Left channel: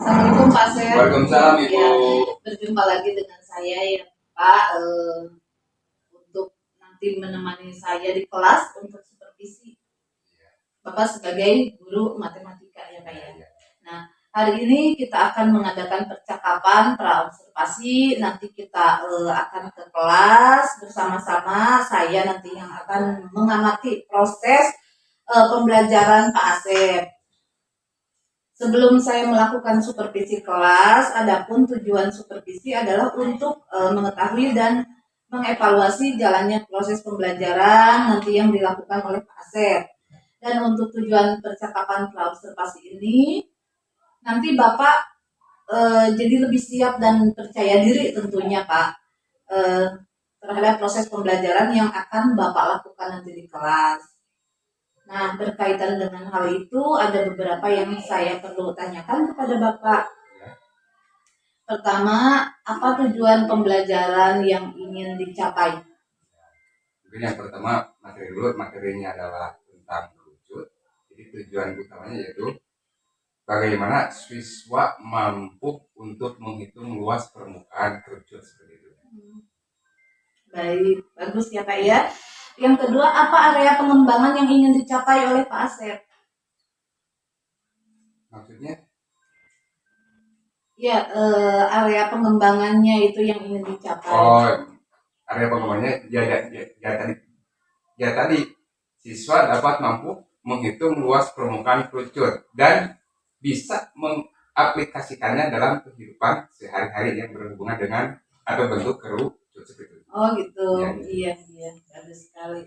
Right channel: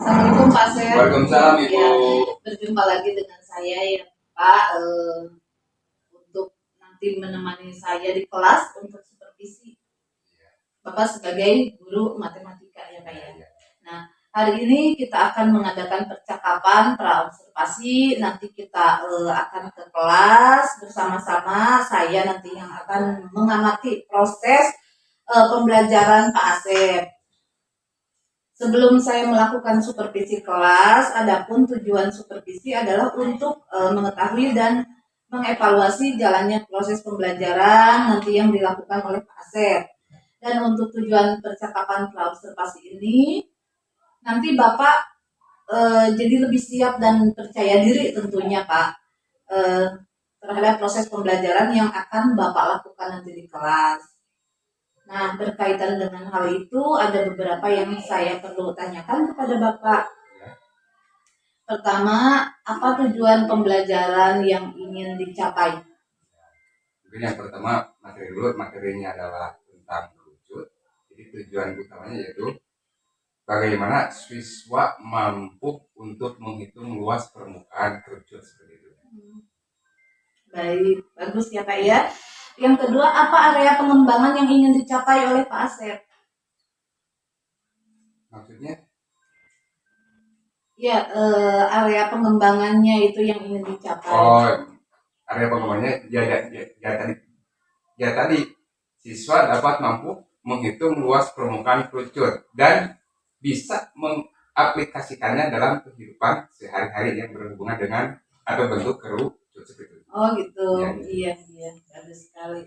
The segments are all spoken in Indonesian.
Assalamualaikum Pak Sep. Waalaikumsalam Ibu. Ya, berjumpa lagi dengan saya ya Pak. Untuk nanti menemani saya di kelas untuk supervisi. Bapak sebagai guru matematika ya Pak ya. Nah, hari ini kita akan mengadakan percakapan pra-observasi. Nanti kita akan ke kelas bersama-sama. Saya nanti yang akan mengamati proses pembelajaran Pak Asep. Sebelum saya melakukan supervisi kelas, adapun tujuan supervisi adalah untuk mengetahui dan mengevaluasi jalannya proses pembelajaran nanti yang dilakukan oleh Pak Asep. Dan untuk tujuan percakapan pra-observasi ini, nanti Bapak jadi lebih siap dan percaya diri tentunya Pak terhadap proses pembelajaran yang akan Bapak lakukan nanti di kelas. Nah, berkaitan dengan hal itu ada beberapa yang saya perlu tanyakan kepada Bapak. Pertama, apa tujuan pembelajaran yang ingin dicapai? Mungkin yang pertama materi dulu, materinya adalah tentang kerucut. Jadi tujuan utamanya yaitu bagaimana siswa mampu untuk menghitung luas permukaan kerucut seperti itu. Baik, bagus ya Pak ya. Yang kedua, apa area pengembangan yang ingin dicapai oleh Pak Asep? Maksudnya? Ya, area pengembangannya itu yang ingin dicapai. Oh, area pengembangannya tadi siswa dapat mampu menghitung luas permukaan kerucut dan bisa mengaplikasikannya dalam kehidupan sehari-hari yang berhubungan dengan atau bentuk kerucut seperti itu. Oh gitu, iya, bagus sekali.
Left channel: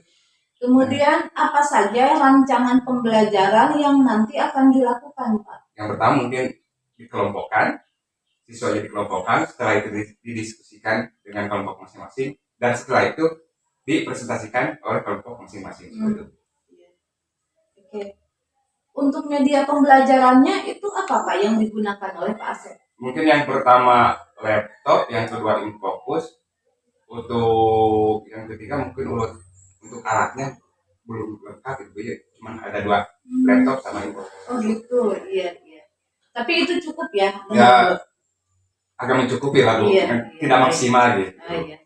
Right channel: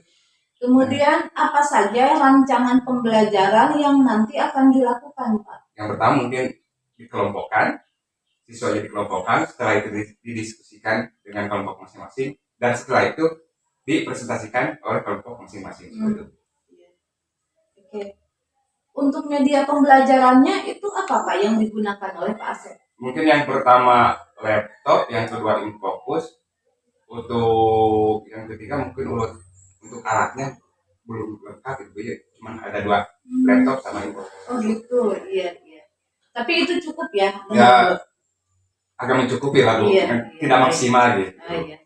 Kemudian apa saja rancangan pembelajaran yang nanti akan dilakukan Pak? Yang pertama mungkin dikelompokkan, siswa dikelompokkan, setelah itu didiskusikan dengan kelompok masing-masing, dan setelah itu dipresentasikan oleh kelompok masing-masing. Oke. Untuk media pembelajarannya itu apa Pak yang digunakan oleh Pak Asep? Mungkin yang pertama laptop, yang kedua infocus, untuk yang ketiga mungkin untuk alatnya belum lengkap itu ya, cuma ada 2 laptop sama infocus. Oh gitu, iya. Tapi itu cukup ya? Ya, agak mencukupi lah Bu, tidak maksimal gitu. Iya.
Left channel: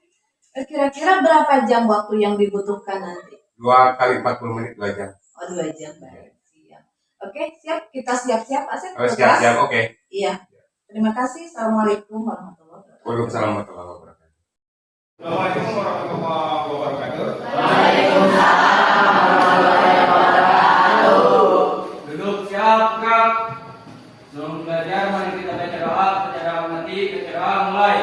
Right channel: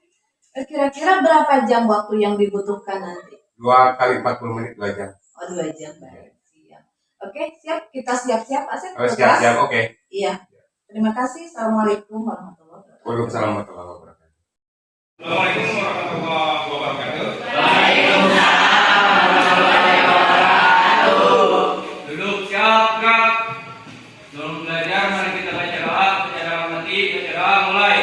Kira-kira berapa jam waktu yang dibutuhkan nanti? 2 kali 40 menit 2 jam. Oh 2 jam, baik. Siap. Oke, siap. Kita siap-siap Asep. Oh, siap, oke. Iya. Terima kasih. Assalamualaikum warahmatullahi wabarakatuh. Waalaikumsalam warahmatullahi wabarakatuh. Assalamualaikum warahmatullahi wabarakatuh. Waalaikumsalam warahmatullahi wabarakatuh. Duduk siap, gerak. Sebelum belajar, mari kita baca doa. Baca doa mati, baca doa mulai.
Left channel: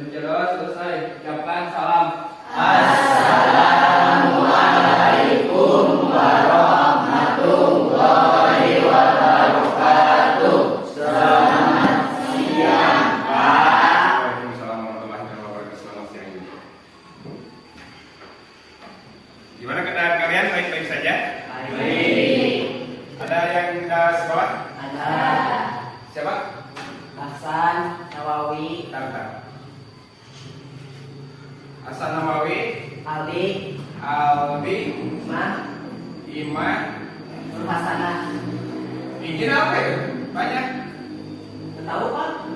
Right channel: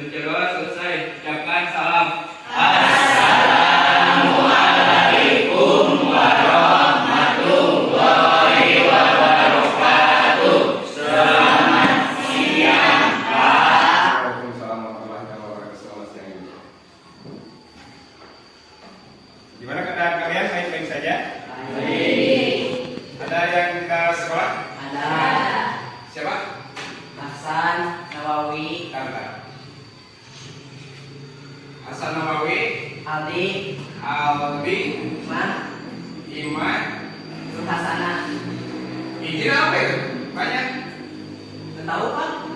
Baca doa selesai, ucapkan salam. Assalamualaikum warahmatullahi wabarakatuh. Selamat siang Pak. Waalaikumsalam warahmatullahi wabarakatuh. Selamat siang juga. Gimana keadaan kalian? Baik-baik saja? Baik. Ada yang tidak sekolah? Ada Siapa? Hasan Nawawi, Tanta. Hasan Nawawi, Aldi, Aldi, Iman, Iman. Nur Hasanah. Izin apa itu? Banyak. Tahu Pak?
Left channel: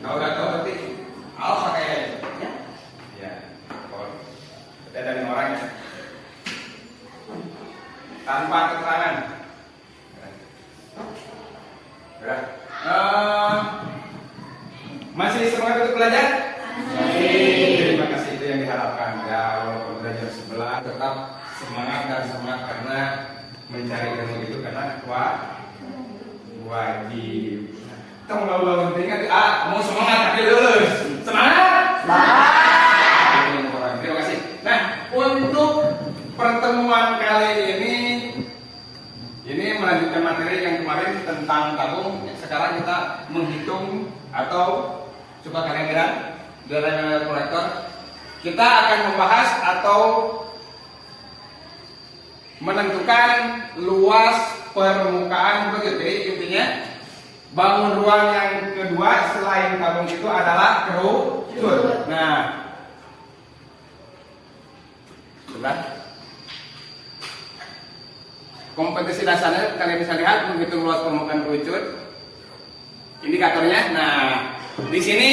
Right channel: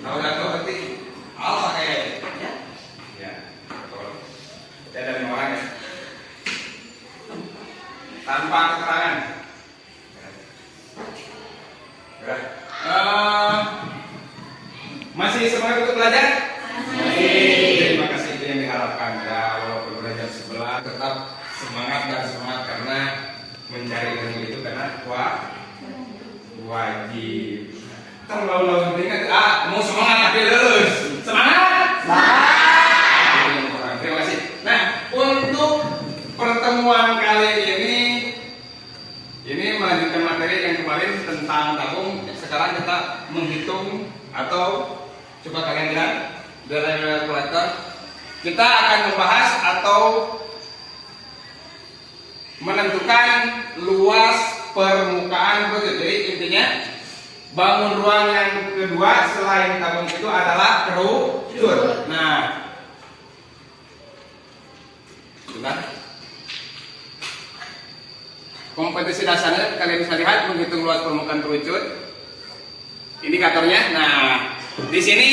Tahu nggak tahu berarti Alfa kayaknya. Ya. Ya. Kalau berarti ada 5 orang ya. Tanpa keterangan. Ya. Masih semangat untuk belajar? Terima kasih, itu yang diharapkan. Ya, walaupun belajar sebelah tetap semangat dan semangat karena mencari ilmu itu karena wajib. Tolong ingat, mau semangat tapi lulus. Semangat! Semangat! Terima kasih. Nah, untuk pertemuan kali ini melanjutkan materi yang kemarin tentang tabung. Sekarang kita menghitung atau coba kalian bilang dengan kalkulator. Kita akan membahas atau menentukan luas permukaan begitu. Jadi intinya Bangun ruang yang kedua selain tabung itu adalah kerucut. Nah, itu kan. Kompetisi dasarnya kalian bisa lihat menghitung luas permukaan kerucut. Indikatornya. Nah, di sini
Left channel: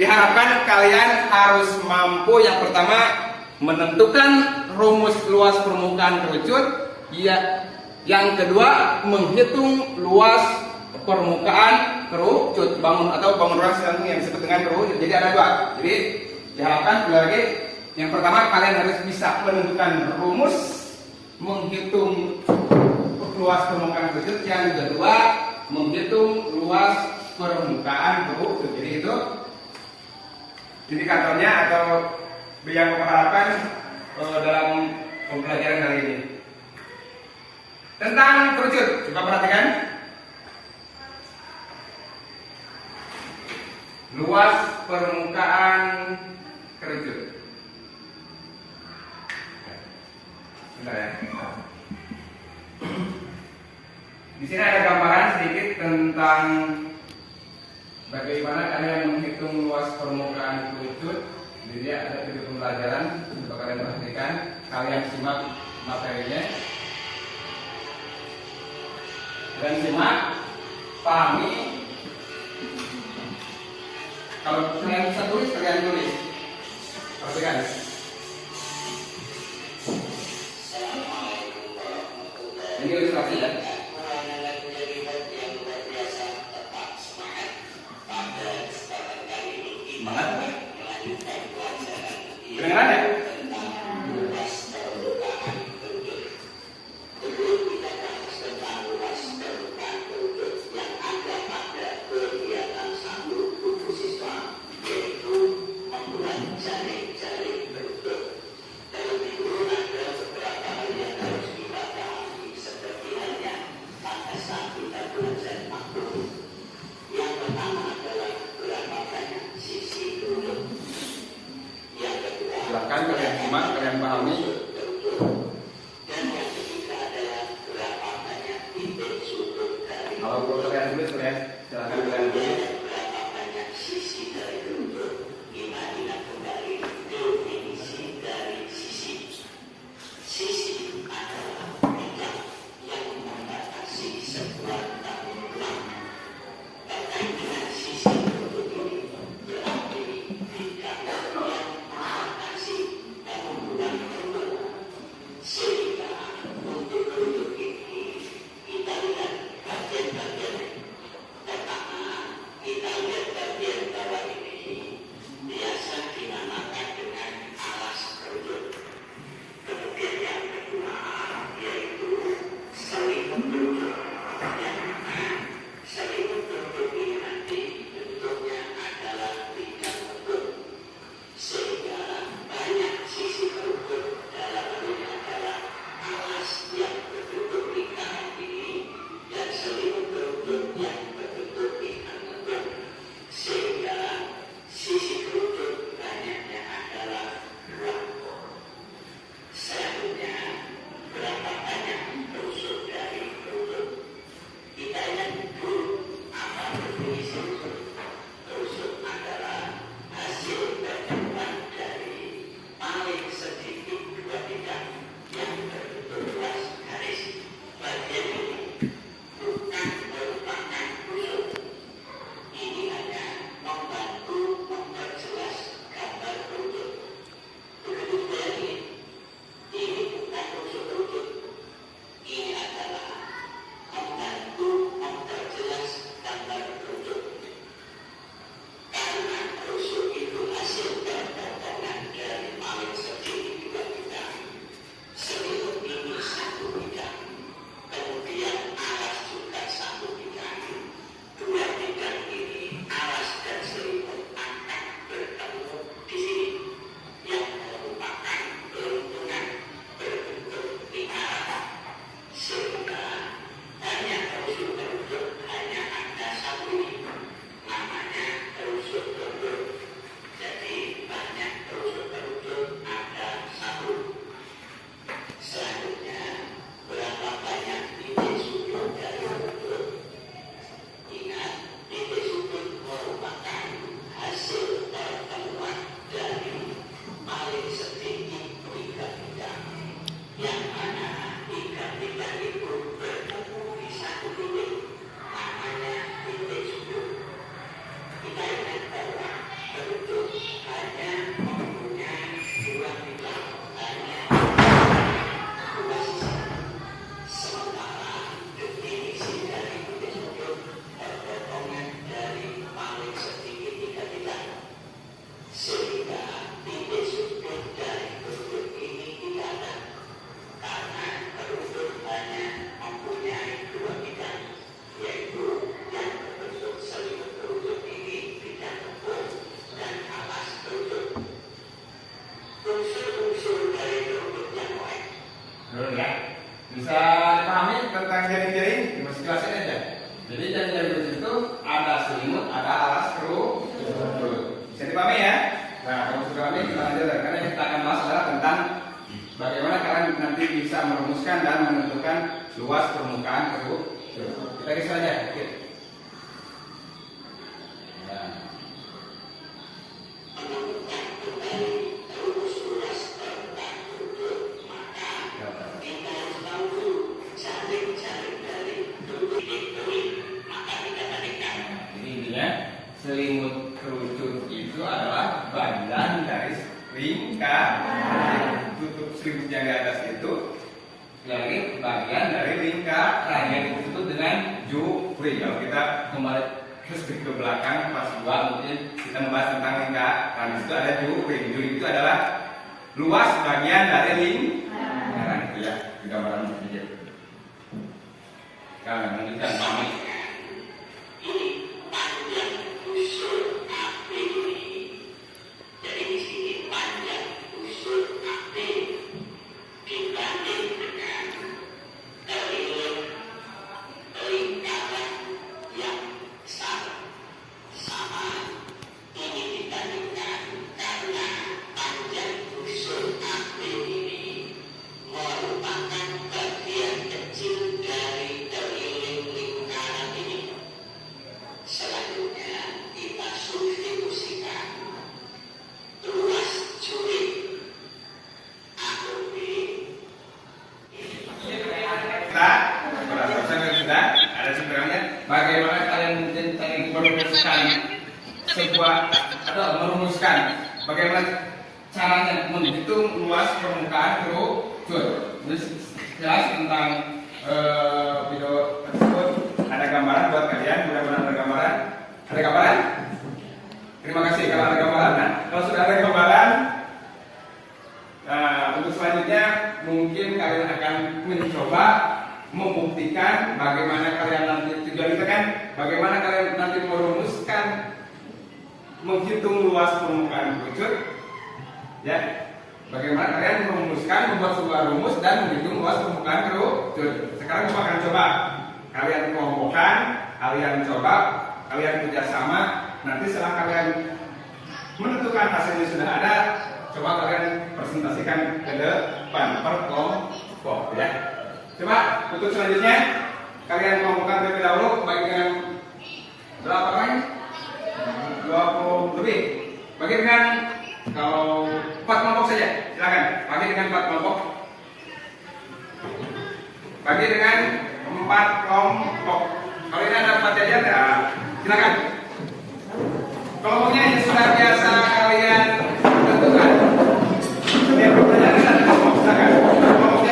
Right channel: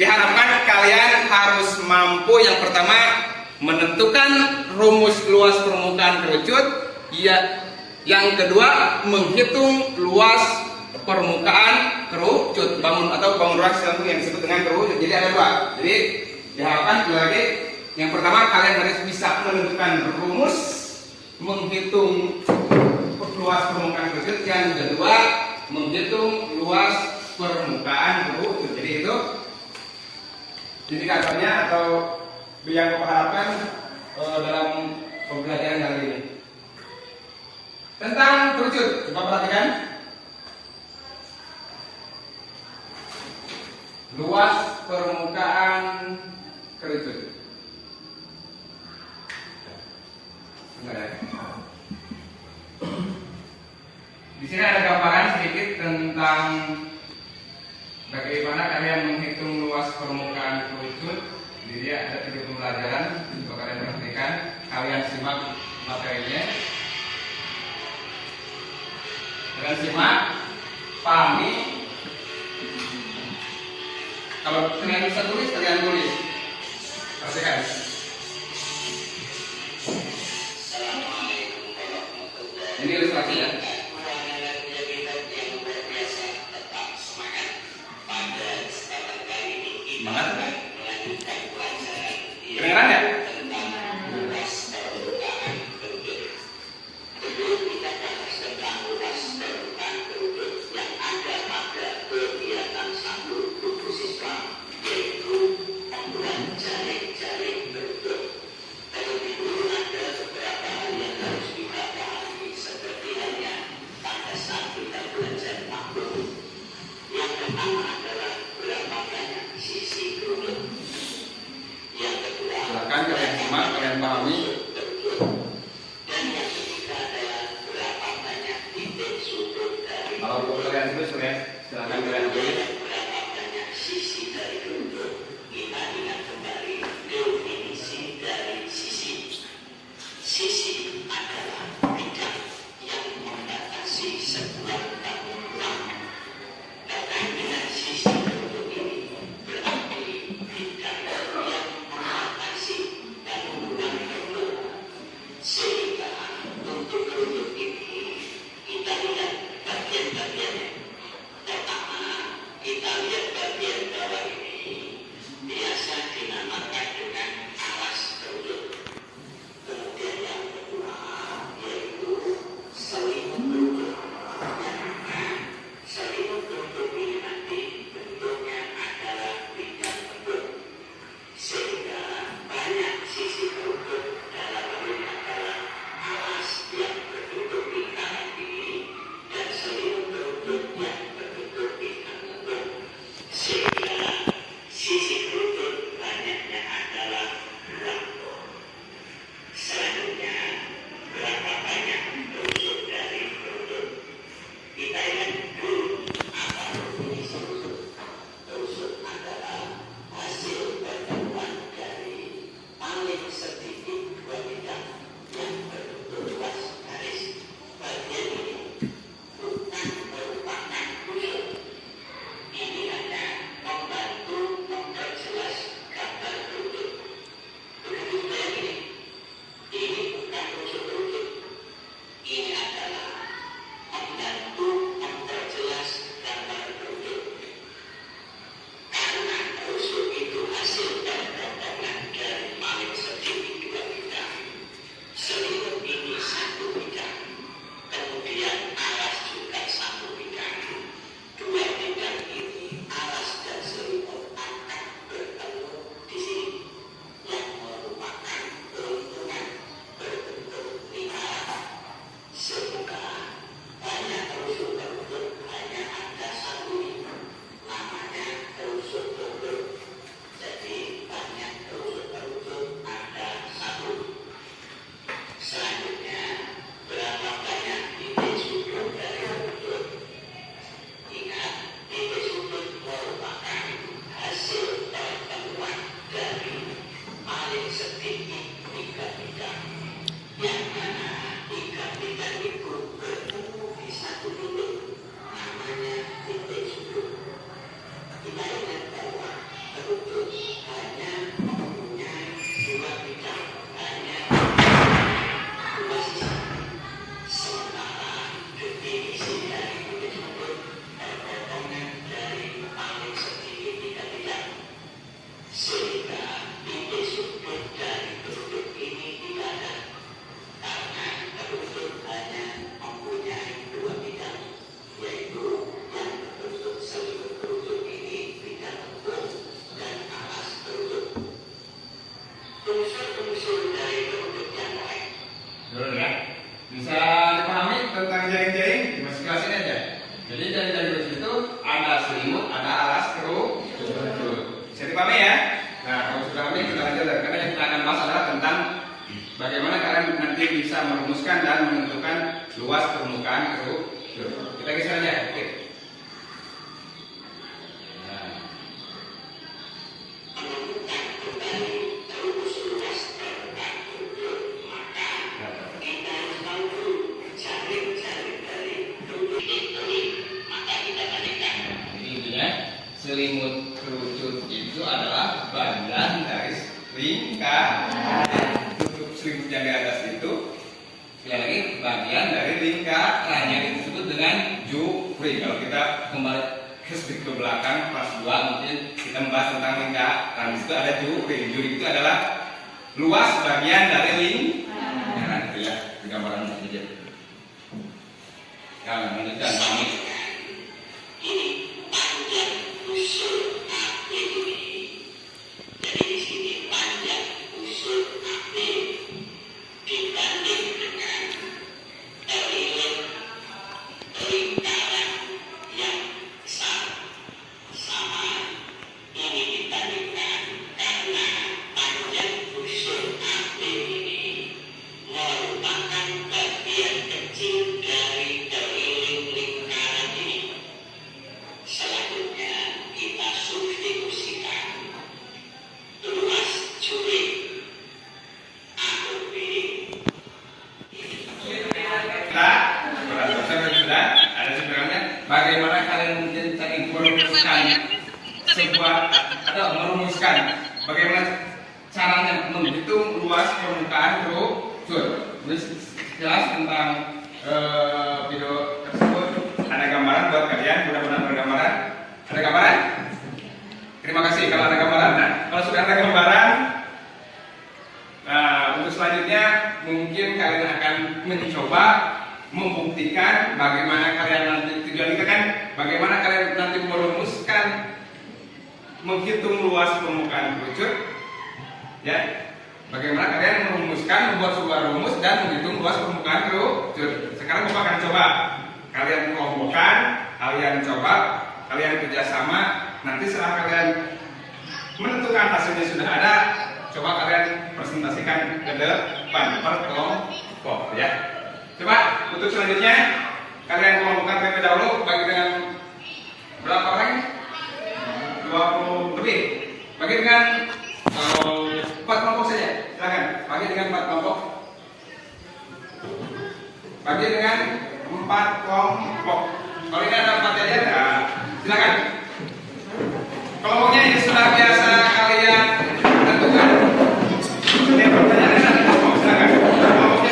diharapkan kalian harus mampu yang pertama menentukan rumus luas permukaan kerucut. Ya, yang kedua menghitung luas permukaan kerucut bangun atau bangun ruang sambung yang disebut dengan kerucut. Jadi ada dua. Jadi diharapkan lagi yang pertama kalian harus bisa menentukan rumus menghitung luas permukaan kerucut. Yang kedua menghitung luas permukaan kerucut. Jadi itu indikatornya atau yang mengharapkan dalam pembelajaran kali ini tentang kerucut. Coba perhatikan. Luas permukaan kerucut. Benar ya? Di sini ada gambaran sedikit tentang bagaimana kalian menghitung luas permukaan kerucut. Jadi ada 3 pembelajaran. Coba kalian perhatikan. Kalian simak materinya. Kalian simak, pahami. Kalau kalian bisa tulis, kalian tulis. Perhatikan. Ini ilustrasi ya. Semangat. Kedengeran ya? Silakan kalian simak, kalian pahami. Kalau belum kalian tulis, silakan kalian tulis. rame ya. Nah, kalau sudah rame kita lanjut, karena yang kita akan bahas adalah tentang bagaimana kalian nanti bisa merumuskan dan menentukan luas permukaan keruk. Kita geser aja. Oke. Nah. Selimut kerucut itu adalah bagian dari lingkaran. Tutup selimutnya di atas itu sekali lagi bagian dari lingkaran yang disebut dengan jufri. Kalau kita kembali ke belakang kelas 2 mungkin kita membahas tentang lingkaran. Di situ ada jufri. Jufri itu adalah luas bagian dari lingkaran. Itu ya gambaran saja. Ya, lanjutkan kami. Bagaimana kalian tadi merumuskan sebuah atau merumuskan bagaimana caranya menghitung luas permukaan kerucut? Jelas tentang video tersebut ada gambaran buat kalian, mudah-mudahan ada gambaran. Ada gambaran? Terima kasih kalau ada gambaran. Nah, kalau sudah ada gambaran, untuk selanjutnya mungkin kalian akan mencoba membuktikan bagaimana kalian nanti, tujuan kita kan bagaimana kalian nanti merumuskan menghitung luas permukaan kerucut ya, bagaimana kalian merumuskan, membuat sebuah rumus dan menghitung luas permukaan kerucut. Sekarang Bapak akan coba kalian kelompokkan, kalian coba, kalian kerjasama, nanti setelah kalian menentukan hasilnya sudah ada, coba kalian presentasikan ke depan per kelompok ya. Coba untuk selanjutnya kalian kelompokkan terlebih dahulu bagi dengan berapa orang? 20 lebih. Bagi dengan 4 kelompok saja. Silakan. Bagi dengan 4 kelompok. Bagi dengan 4 kelompok. Kalau ini ada 4 jajar ya silakan. Kelompoknya ini sudah biasa kalian tentukan. Ini pertanyaan ada kelompok. Silakan. Kelompoknya kan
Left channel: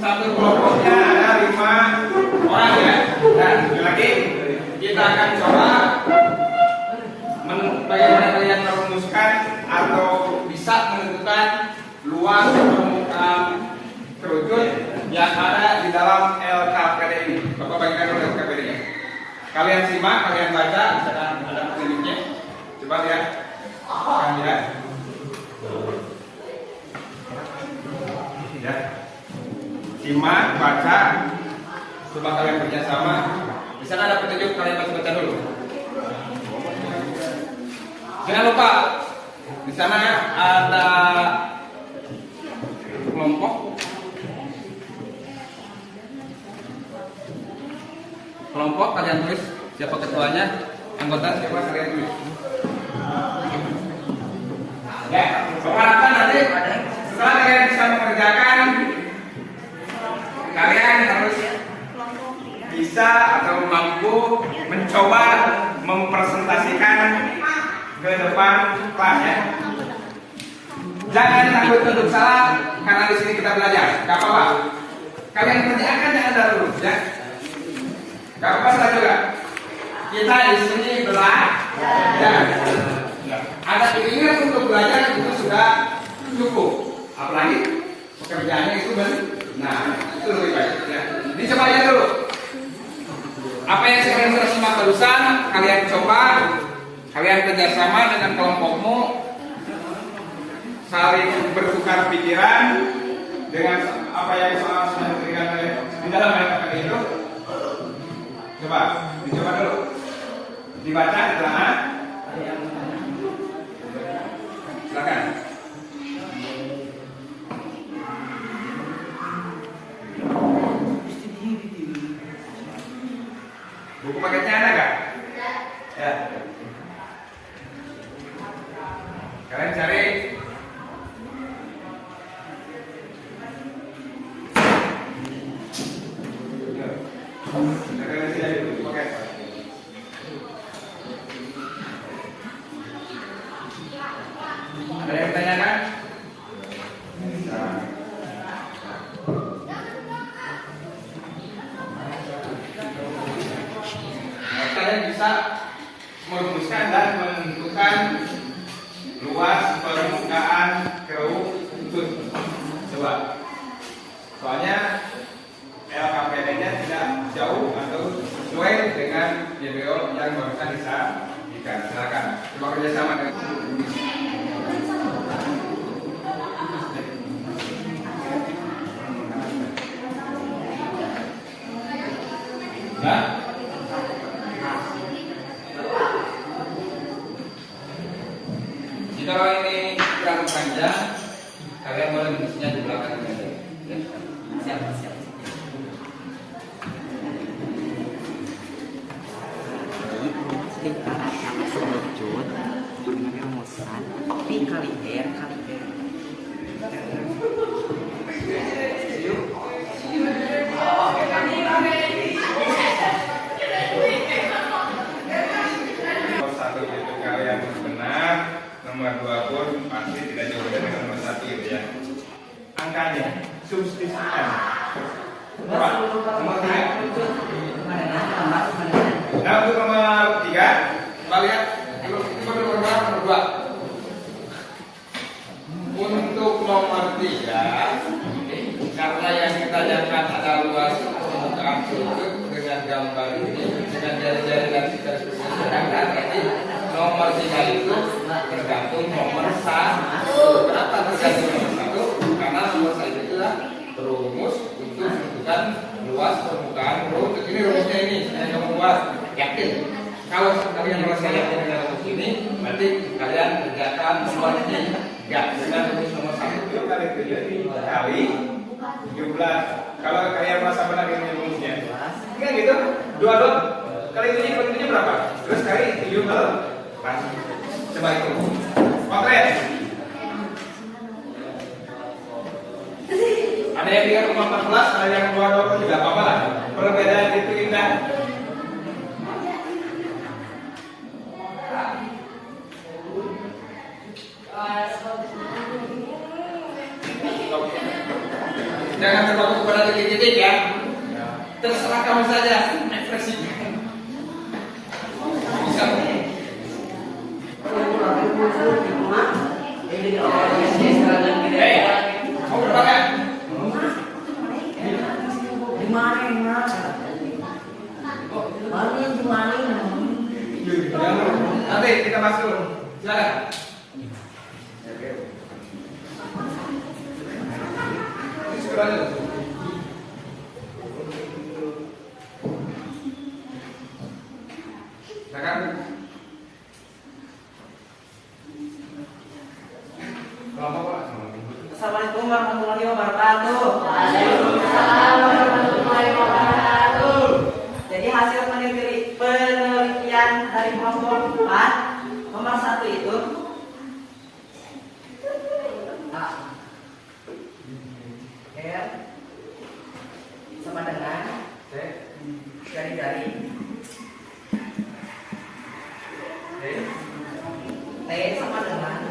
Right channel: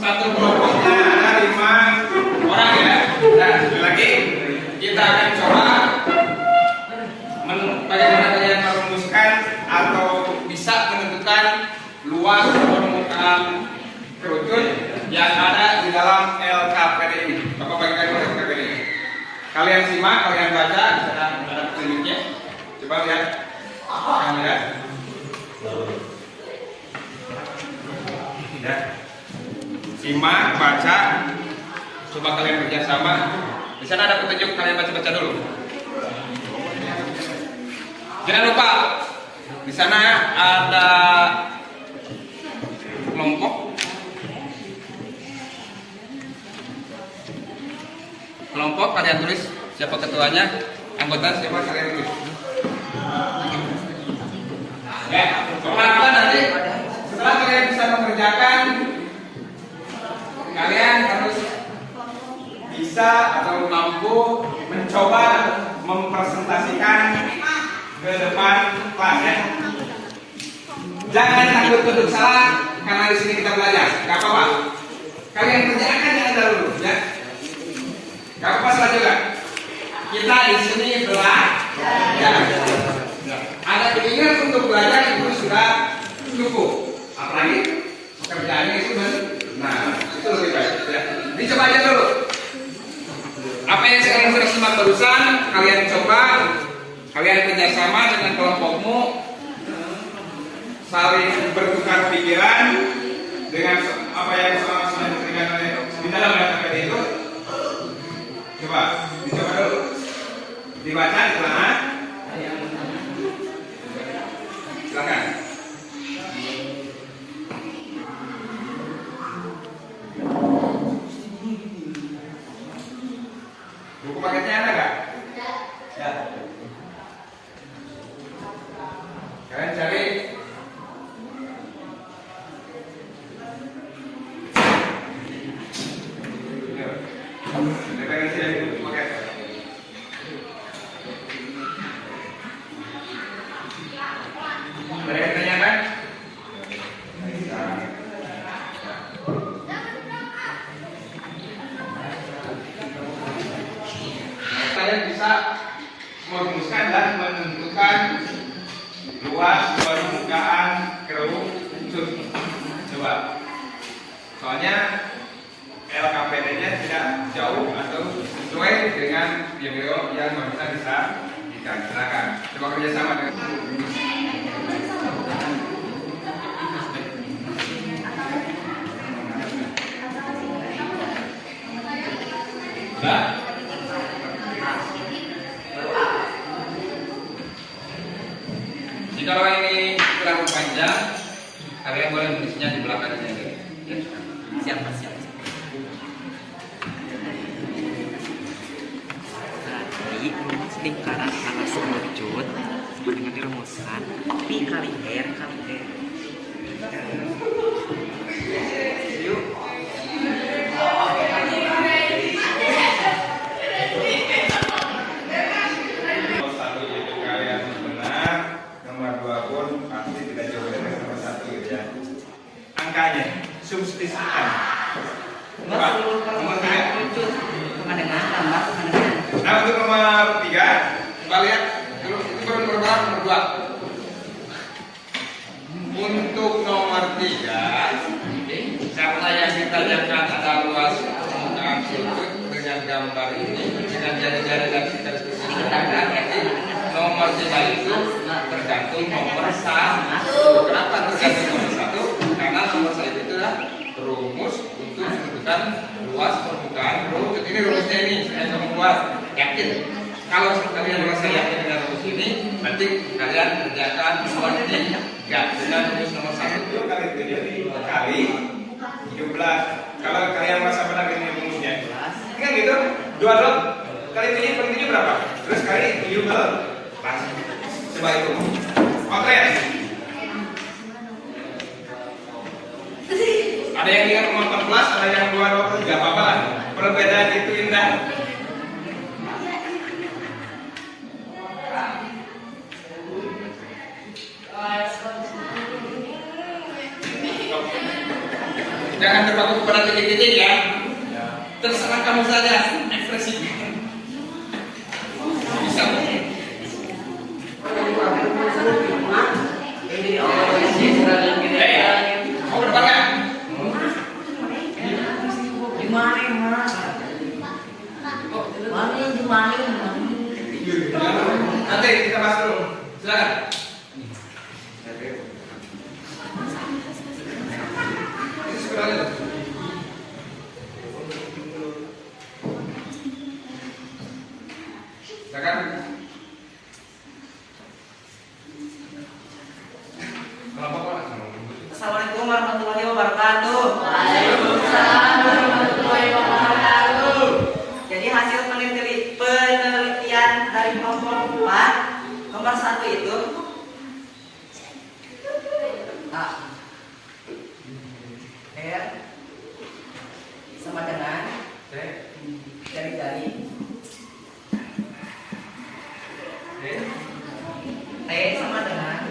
satu kelompoknya ada 5 orang ya. Nah, sekali lagi kita akan coba bagaimana kalian merumuskan atau bisa menentukan luas permukaan kerucut yang ada di dalam LKPD ini. Bapak bagikan LKPD ini. Kalian simak, kalian baca, ada petunjuknya. Coba lihat, kalian lihat. Ya. Simak, baca, coba kalian kerjasama. Di sana ada petunjuk, kalian baca-baca dulu. Jangan lupa, di sana ada kelompok. Kelompok kalian tulis siapa ketuanya, anggota siapa kalian tulis. Ya, bisa atau mampu mencoba mempresentasikan ke depan kelas ya. Jangan takut untuk salah karena di sini kita belajar. Gak apa-apa. Kalian kerjakan jangan dulu ya. Gak apa-apa salah juga. Kita di sini belajar. Ada keinginan untuk belajar itu sudah cukup. Apalagi pekerjaannya itu nah itu lebih baik ya. Dicoba aja dulu. Apa yang saya sudah simak barusan kalian coba, kalian kerjasama dengan kelompokmu, saling bertukar pikiran dengan apa yang sama-sama diberikan oleh di dalam kata itu. Coba dicoba dulu, dibaca di sana. Silakan. Buku paketnya ada gak? Ya. Kalian cari. Referensi dari buku paket. Ada yang ditanyakan? Kalian bisa merumuskan dan menentukan luas permukaan kerucut. Coba. Soalnya LKPD-nya tidak jauh atau sesuai dengan video yang barusan disajikan. Silakan. Coba kerjasama dengan. Nah. Jika ini terlalu panjang, kalian boleh menulisnya di belakangnya. Ya. Siapa? Tadi rumus lingkaran alas kerucut dengan dirumuskan pi kali r kali r. Nomor 1 itu kalian benar, nomor 2 pun pasti tidak jauh dari nomor 1 gitu ya. Angkanya substitusikan. Coba, nomor 3. Nah untuk nomor 3, coba lihat dulu itu baru nomor berapa? Nomor 2. Untuk nomor 3, karena yang ditanyakan ada luas permukaan kerucut dengan gambar ini dengan jari-jari dan garis berseberangan, berarti nomor 3 itu tergantung nomor 1. Kenapa tergantung nomor 1? Karena nomor 1 itu adalah rumus untuk menentukan luas permukaan kerucut. Ini rumusnya ini yang kamu buat. Yakin? Kalau kalian merasa yakin dengan rumus ini, berarti kalian kerjakan nomor ini. Enggak, dengan rumus nomor 1 itu kali 7 kali 17. Kalau kalian merasa benar dengan rumusnya, kan gitu? 2 kali 7 kali 7 berapa? Terus kali 17. Coba itu. Oke. Ada yang bilang nomor 14, ada yang 23, tidak apa-apa lah. Perbedaan itu indah. Jangan terpaku kepada titik-titik ya. Terserah kamu saja ekspresi. Bisa. Mau berapa kan? Nanti kita bahas dulu. Silakan. Silakan. Assalamualaikum warahmatullahi wabarakatuh. Waalaikumsalam warahmatullahi wabarakatuh. Jadi hasil penelitian dari kelompok 4 nomor 1 itu A R sama dengan jari T sama dengan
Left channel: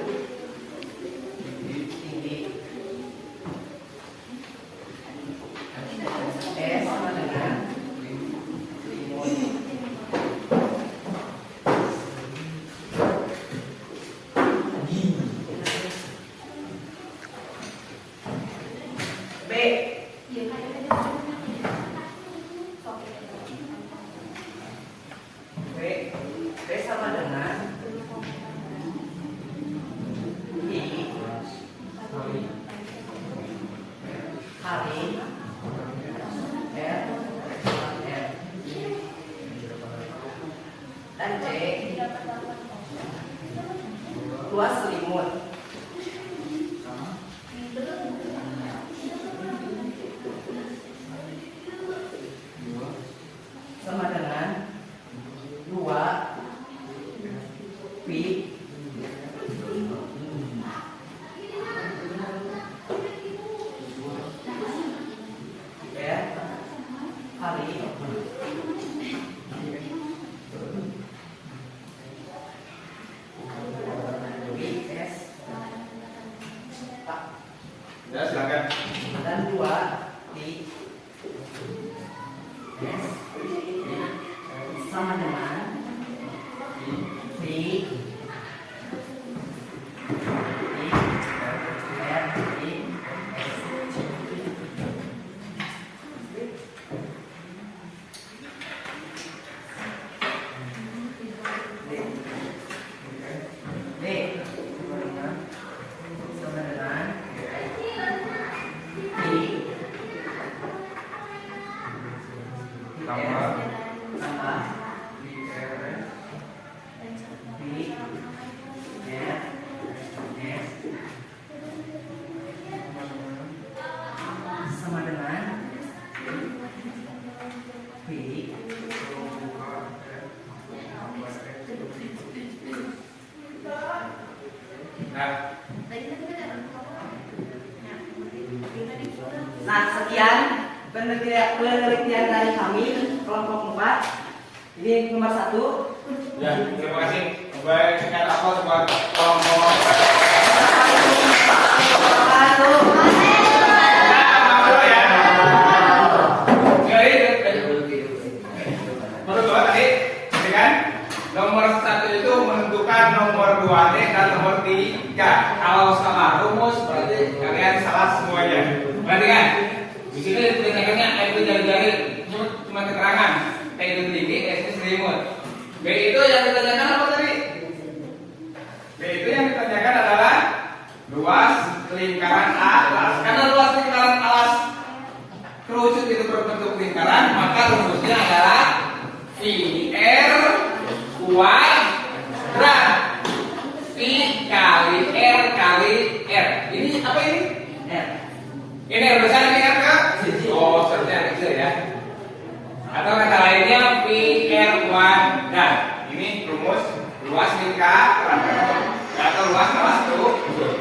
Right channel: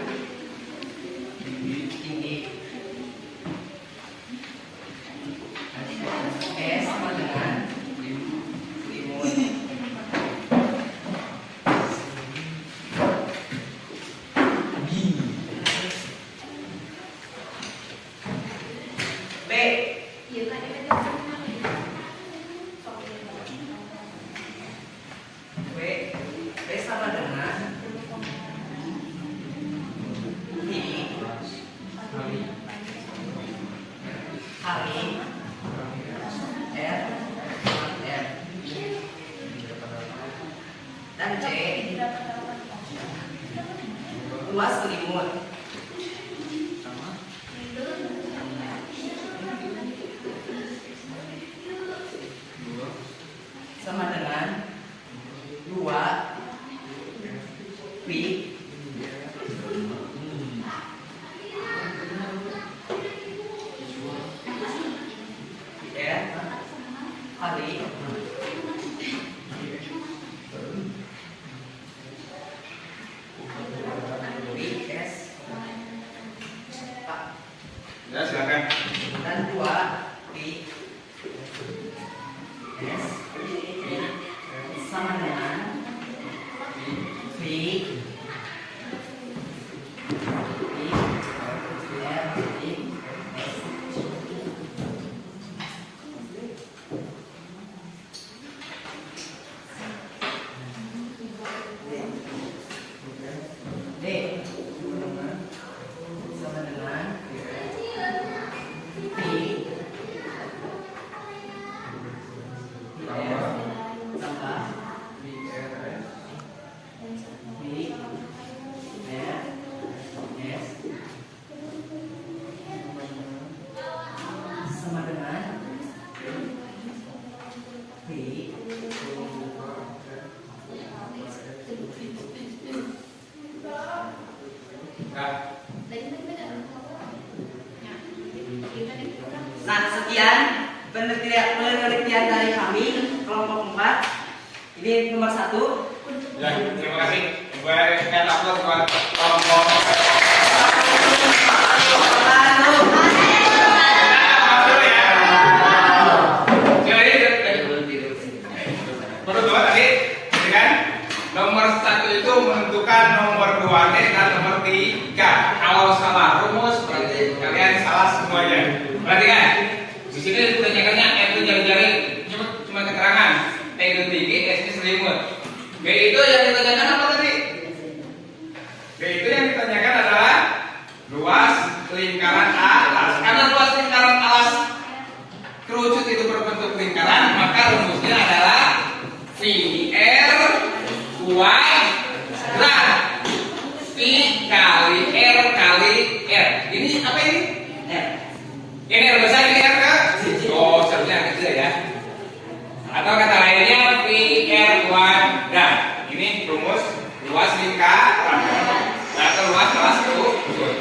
tinggi. S sama dengan limun. B. B sama dengan I kali R. Dan C luas selimut. Sama dengan 2 pi R kali pi S Ya, silakan. dan 2 pi S sama dengan pi R pi S. D sama dengan pi Tambah. tambah IRS. pi R S sama dengan pi Nah, Nah, sekian penelitian dari kami kelompok 4. Ini nomor 1. ya, terima kasih. Baik, kita upload buat kelompok. Menurut dua tadi, ya kan? Nomor 1 itu menentukan nomor 2 dan nomor 3. Kalau salah rumus berarti kalian salah semuanya. Perhatikan. Di sini ditanyakannya F itu jari-jari cuma keterangan. T itu tinggi, S itu selimut. B itu yang ditanyakan apa tadi? B itu yang ditanyakan adalah luas lingkaran alas. Karena luas lingkaran alas kerucut itu berbentuk lingkaran, maka rumusnya adalah VR kuadrat. V kali R kali R. Ini apa ini? R. Ini R besar, ini R ke? Oh, seharusnya kecil ya. Atau kata lainnya VR kuadrat. Ini rumus luas lingkaran atau luas kerucut.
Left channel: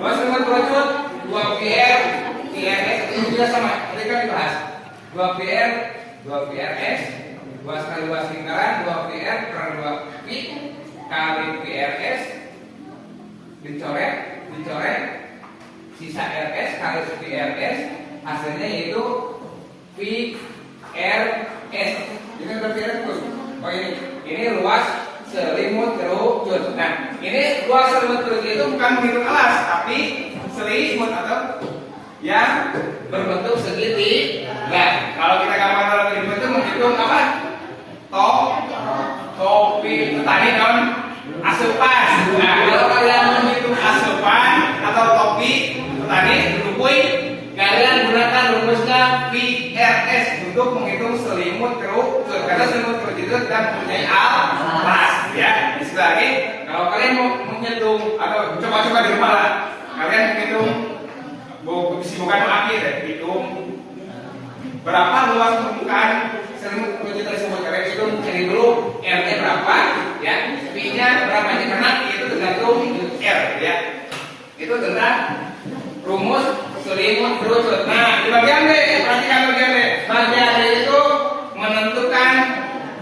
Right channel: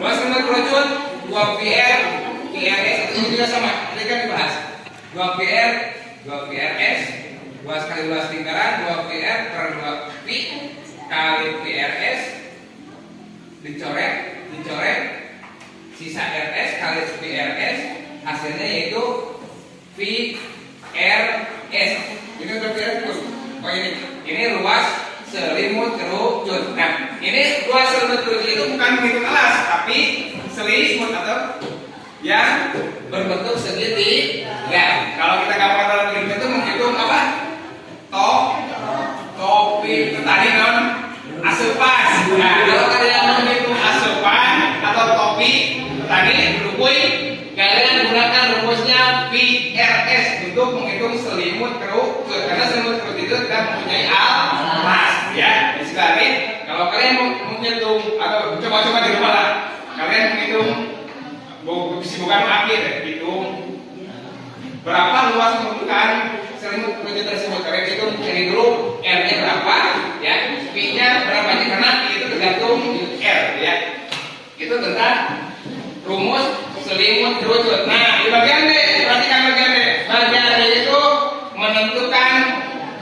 Luas lingkaran kerucut 2VR VRS itu juga sama. Tadi kan dibahas 2VR 2VRS 2 kali luas lingkaran 2VR per 2V kali VRS dicoret sisa RS kali VRS hasilnya yaitu VRS. Ini udah VRS belum? Oh ini luas selimut kerucut. Nah ini luas selimut kerucut itu bukan menghitung alas tapi selimut atau yang berbentuk segitiga. Kalau kita gambar dalam ilmu itu menghitung apa? Topi petani non asupan. Nah, kalau kalian menghitung asupan atau topi petani rupui, kalian gunakan rumusnya VRS untuk menghitung selimut kerucut. Karena selimut kerucut itu tidak mempunyai alas. Ya, istilah lagi, kalau kalian mau menghitung atau coba-coba di rumah lah, kalian menghitung bukan akhir, hitung berapa luas permukaan selimut kerucut tersebut. Kalian hitung cari dulu R-nya berapa, ya, V-nya berapa, karena itu tergantung R, ya. Itu tentang rumus selimut kerucut. Nah, di bagian D, perhatikan bagian D. Bagian D itu menentukan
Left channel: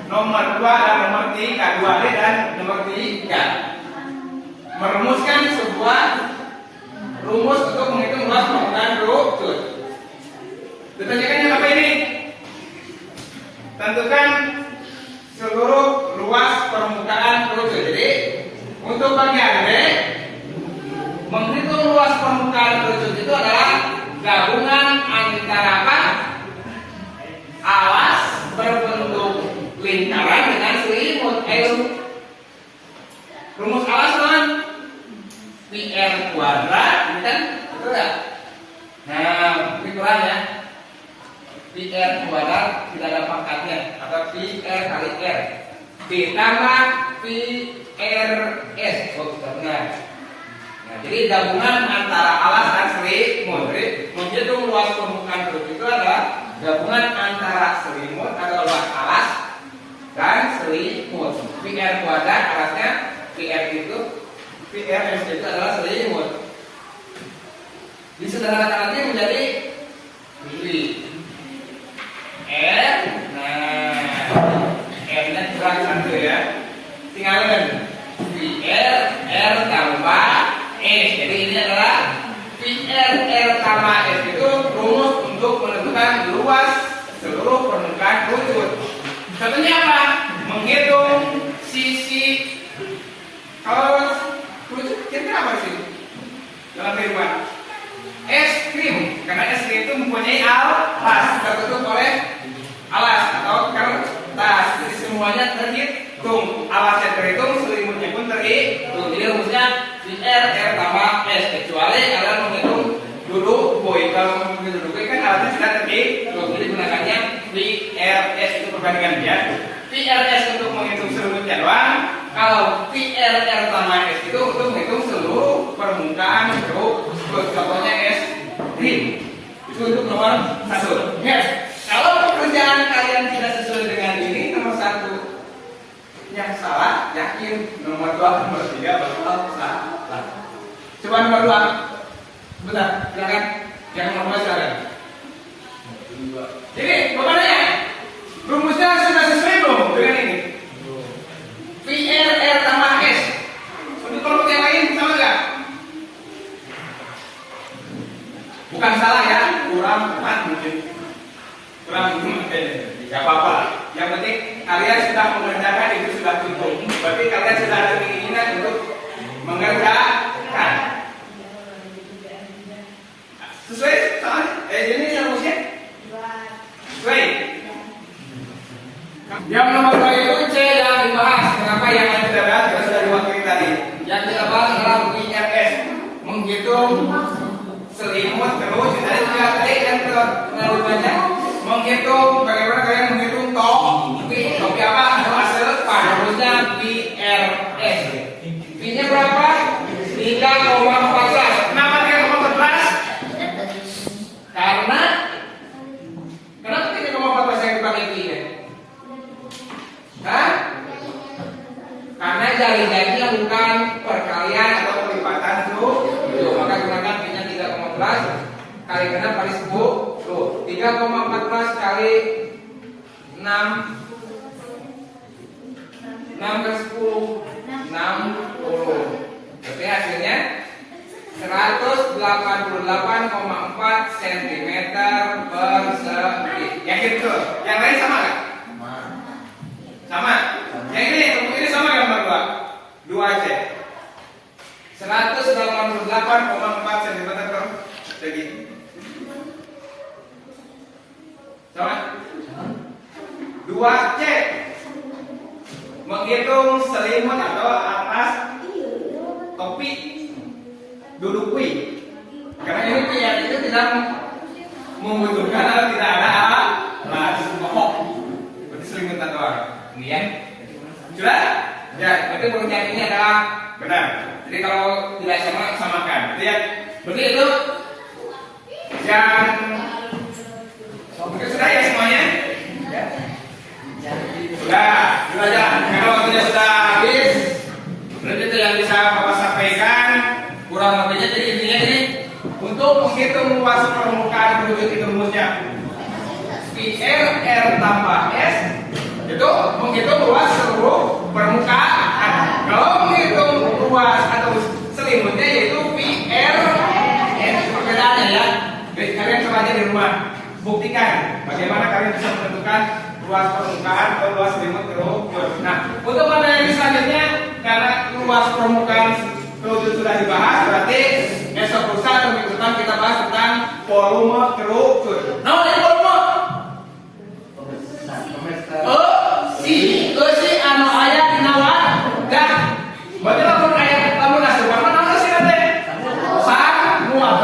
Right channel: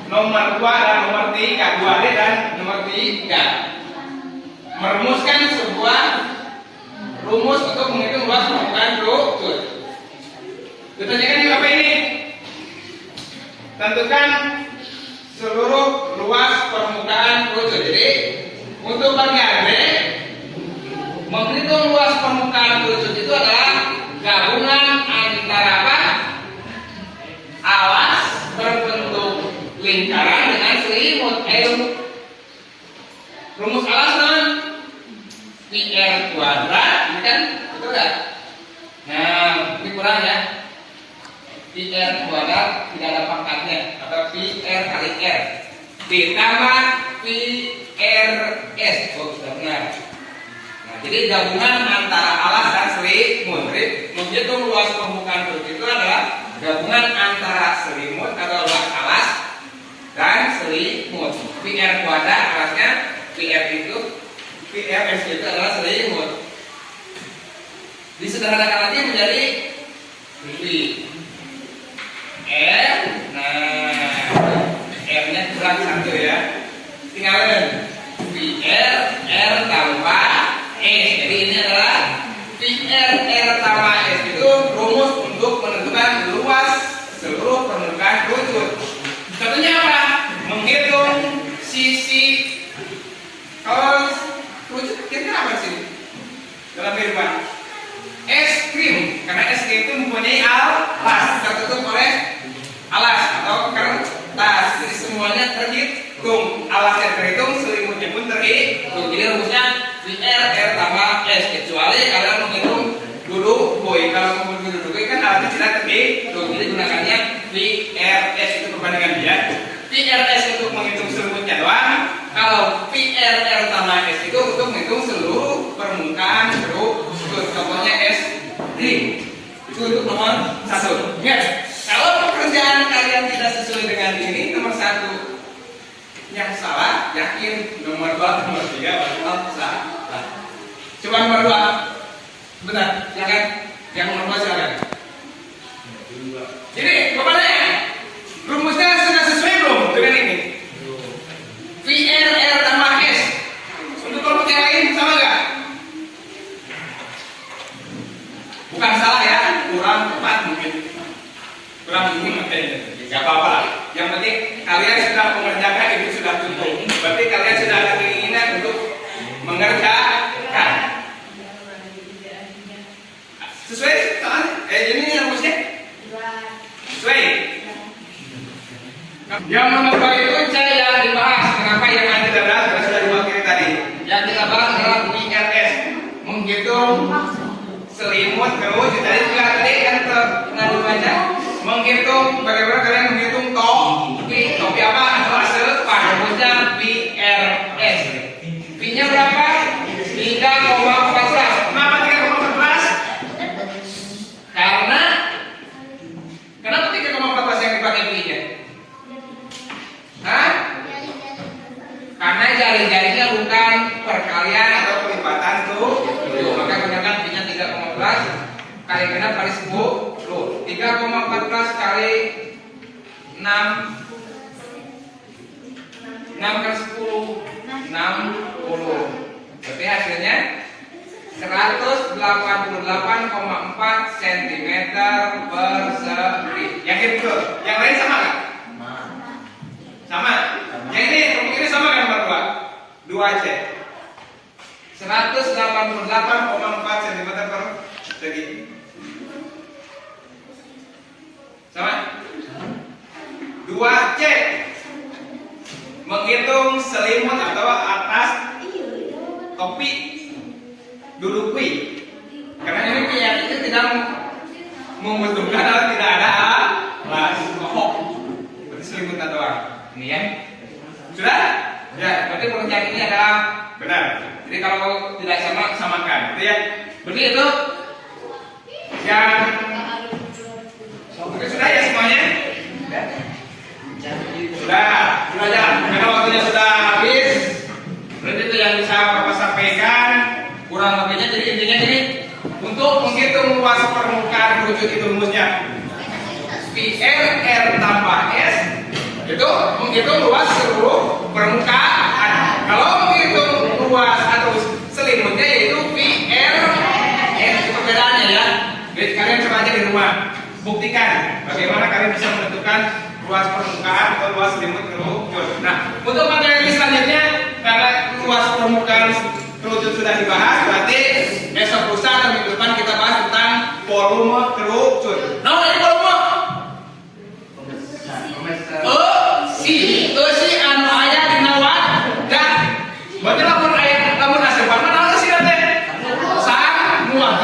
nomor nomor 2 dan nomor 3, 2D dan nomor 3. Merumuskan sebuah rumus untuk menghitung luas permukaan rucut. Ditanyakan apa ini? Tentukan seluruh luas permukaan rucut. Jadi untuk bagian B, menghitung luas permukaan rucut itu adalah gabungan antara apa? Alas berbentuk lingkaran dengan selimut. Rumus alas kan PR kuadrat, ini kan betul ya? Nah, ini kurang ya. PR kuadrat tidak ada pangkatnya atau PR kali R ditambah PRS. Oh, sudah benar. Nah, jadi gabungan antara alas dan selimut. Jadi menghitung luas permukaan rucut itu adalah gabungan antara selimut atau luas alas dan selimut. PR kuadrat alasnya, PRS itu adalah selimut. Disederhanakan nanti menjadi V R. Nah, R-nya kurang satu ya. Tinggalkan VR R tambah S. Jadi ini adalah VR R tambah S itu rumus untuk menentukan luas seluruh permukaan rucut. Contohnya apa? Menghitung sisi. Kalau rucut kira-kira apa sih dalam kehidupan? Es krim, karena es krim itu mempunyai alas, tertutup oleh alas atau kertas. Jadi semuanya terhitung, alasnya terhitung, selimutnya pun terhitung. Jadi rumusnya VR R tambah S, kecuali kalian menghitung duduk boy. Kalau menghitung duduk boy kan alasnya tidak terhitung. Jadi gunakannya VRS itu perbandingan dia. VRS untuk menghitung selimutnya doang. Kalau VRR tambah S itu untuk menghitung seluruh permukaan rucut. Contohnya S itu untuk nomor 1. Ya. Kalau pekerjaan kalian tidak sesuai dengan ini, nomor 1 yang salah, yakin nomor 2, nomor 3 bakal salah. Coba nomor 2. Bentar, silakan. Yang nomor 2 silakan. Jadi, bagaimana? Rumusnya sudah sesuai belum dengan ini? VRR tambah S. Untuk kelompok yang lain sama nggak? Bukan salah ya, kurang tepat mungkin. Kurang nggak apa-apa. Yang penting kalian sudah mengerjakan itu sudah cukup. Berarti kalian sudah ada keinginan untuk mengerjakan. Sesuai soalnya? Ini rumusnya? Sesuai. Yang nomor 2 itu C yang dibahas. Kenapa yang lain tidak dibahas? Karena sudah diwakili tadi. Yang kita bahas adalah IRS, menghitung selimut terus. Tadi juga tadi kan pernah dibaca. Menghitung bagaimana kalian menghitung topi apa hasil rumusnya PRS. P-nya berapa? 3,14. Kenapa 3,14? Karena kenapa 3,14 yang dipakai P-nya? Hah? Karena jari-jarinya bukan perkalian atau pelipatan tuh. Maka gunakan P-nya 3,14 kali genap kali 10. 3,14 kali 6 kali 10 60. Berarti hasilnya 188,4 cm persegi. Yakin betul? Yang lain sama nggak? Sama. Yang ini sama nggak nomor 2? 2 aja. 188,4 cm persegi. Sama? 2C. Menghitung selimut atau atas topi duduk kui. Karena ini yang itu tidak membutuhkan atau tidak ada alas mohok. Berarti selimut atau apa? Ini ya. Sudah? Ya, berarti pengertian ini adalah benar. Jadi kalau tidak sama, samakan. Berarti ya. Berarti itu yang sudah ya semuanya? Ya. Sudah jalan. Karena waktunya sudah habis. Berarti itu yang bisa Bapak sampaikan. Kurang lebihnya jadi intinya ini untuk menghitung luas permukaan rucut itu rumusnya PR R tambah S itu menghitung luas seluruh permukaan. Kalau menghitung luas atau selimutnya yaitu PR. Itu perbedaannya ya. Jadi kalian coba aja di rumah, buktikan bagaimana kalian bisa menentukan luas permukaan atau luas selimut kerucut. Nah, untuk materi selanjutnya karena luas permukaan kerucut sudah dibahas, berarti esok lusa atau minggu depan kita bahas tentang volume kerucut. Nah, ini volume. Si anu aya dina wadah. Berarti lamun aya lamun nasi apa naon sih teh? Muat.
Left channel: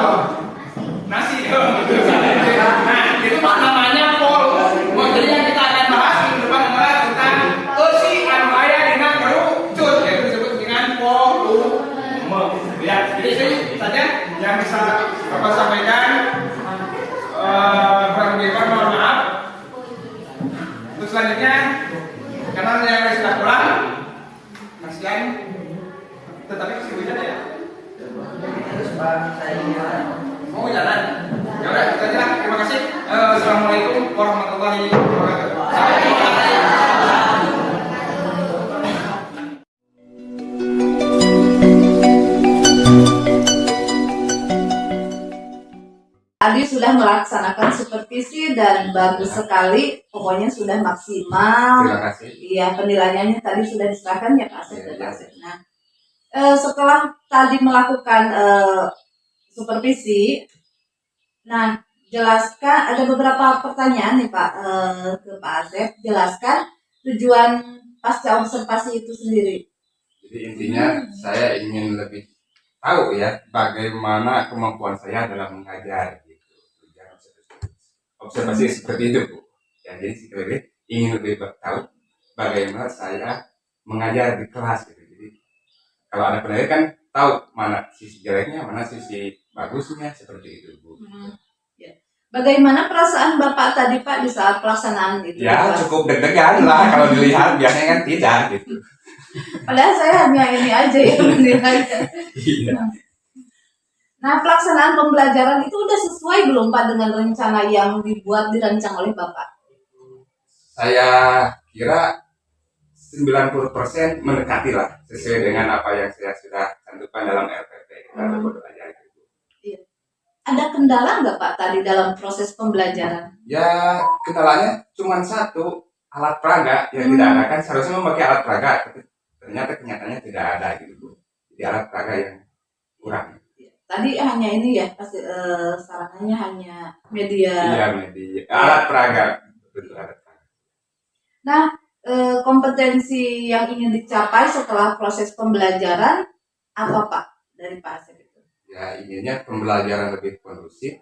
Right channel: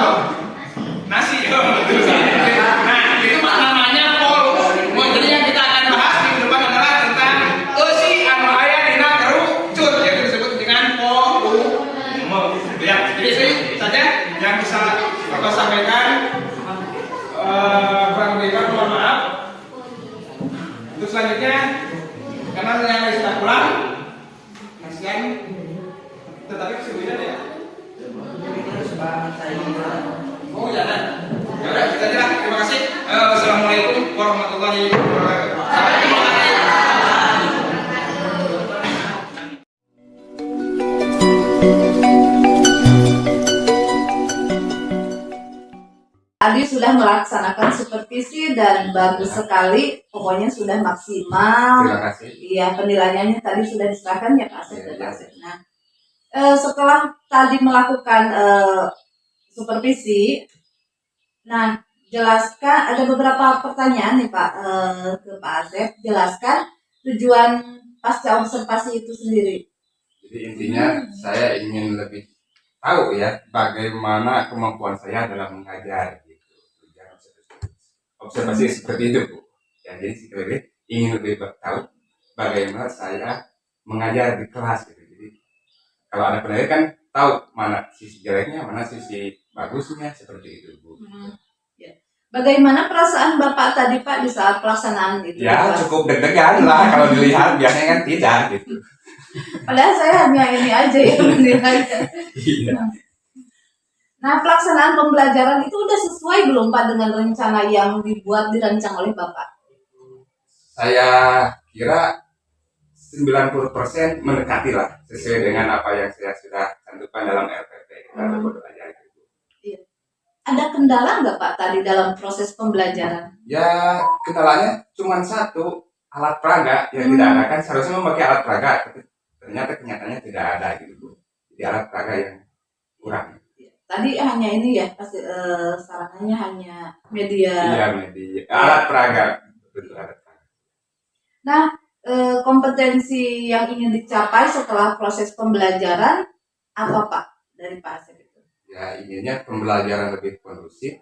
Nasi. Nah, itu namanya volume. Jadi yang kita akan bahas minggu depan adalah tentang si anu aya dina kerucut, yaitu disebut dengan volume. Ya, jadi itu saja yang bisa Bapak sampaikan. Kurang lebih mohon maaf. Untuk selanjutnya, karena yang sudah pulang, kasihan, tetapi masih hujan ya. Mau jalan? Ya udah, kita jalan. Terima kasih. Assalamualaikum warahmatullahi wabarakatuh. Sampai jumpa lagi. Tadi sudah melaksanakan supervisi dan bagus sekali, pokoknya sudah maksimal. Terima kasih. Iya, penilaiannya tadi sudah diserahkan ya Pak Asep Iya, dan iya. Pak Asep. Nah, setelah tadi melakukan supervisi, nah jelaskan ada beberapa pertanyaan nih Pak ke Pak Asep. Jelaskan tujuan pasca observasi itu sendiri. Jadi intinya saya ingin lebih tahu ya bagaimana kemampuan saya dalam mengajar gitu. Observasi seperti itu Bu. Ya, jadi saya ingin lebih tahu bagaimana saya mengajar di kelas gitu. Jadi kalau ada penilaian kan tahu mana sisi jeleknya, mana sisi bagusnya seperti itu Bu. Ya. Bagaimana perasaan Bapak tadi Pak di saat pelaksanaan itu? Ya Pak? cukup deg-degan lah kalau dilihat, biasanya kan tidak gitu. Padahal saya hanya ini aja ya menilainya. Iya. Nah, pelaksanaan pembelajaran itu udah sesuai belum Pak dengan rencana yang dirancang oleh Bapak? Saya kira 90% mendekati lah sesuai dengan apa yang saya sudah tentukan dalam RPP atau kode ajar itu. Iya. Ada kendala nggak Pak tadi dalam proses pembelajaran? Ya kendalanya cuma satu, alat peraga yang tidak ada, kan seharusnya memakai alat peraga tapi ternyata kenyataannya tidak ada gitu Bu. Jadi alat peraga yang kurang. Tadi hanya ini ya, pasti sarannya hanya media. Iya media alat peraga, betul alat peraga. Nah, kompetensi yang ingin dicapai setelah proses pembelajaran apa Pak dari Pak Asep itu? Ya inginnya pembelajaran lebih kondusif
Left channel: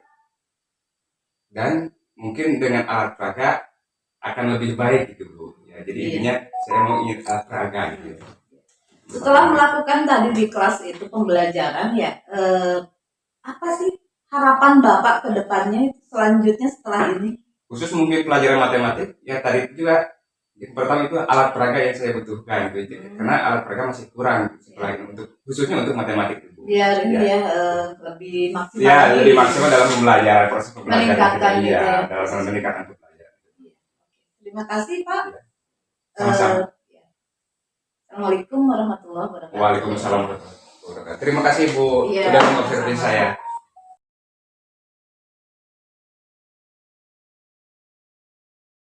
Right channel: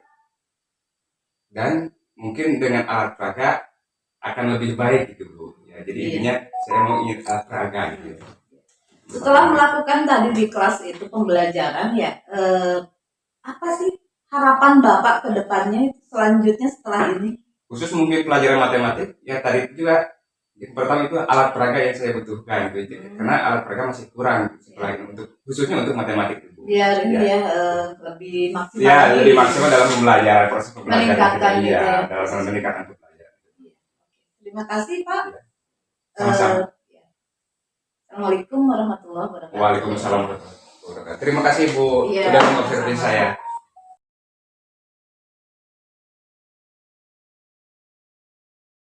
dan mungkin dengan alat peraga akan lebih baik gitu Bu. Ya, jadi Iya. intinya saya mau ingin alat peraga gitu. Setelah melakukan tadi di kelas itu pembelajaran ya, apa sih harapan Bapak ke depannya selanjutnya setelah ini? Khusus mungkin pelajaran matematik ya tadi itu juga yang pertama itu alat peraga yang saya butuhkan gitu. Karena alat peraga masih kurang setelah ini untuk khususnya untuk matematik Bu. Biar ini Ya. ya lebih maksimal. Ya lagi. lebih maksimal dalam pembelajaran proses pembelajaran Meningkatkan kita. gitu Iya, ya. dalam meningkatkan pembelajaran. Terima kasih Pak. Iya. Sama-sama. Ya. Assalamualaikum warahmatullahi wabarakatuh. Waalaikumsalam warahmatullahi wabarakatuh. Terima kasih Bu Iya. sudah mengobservasi saya.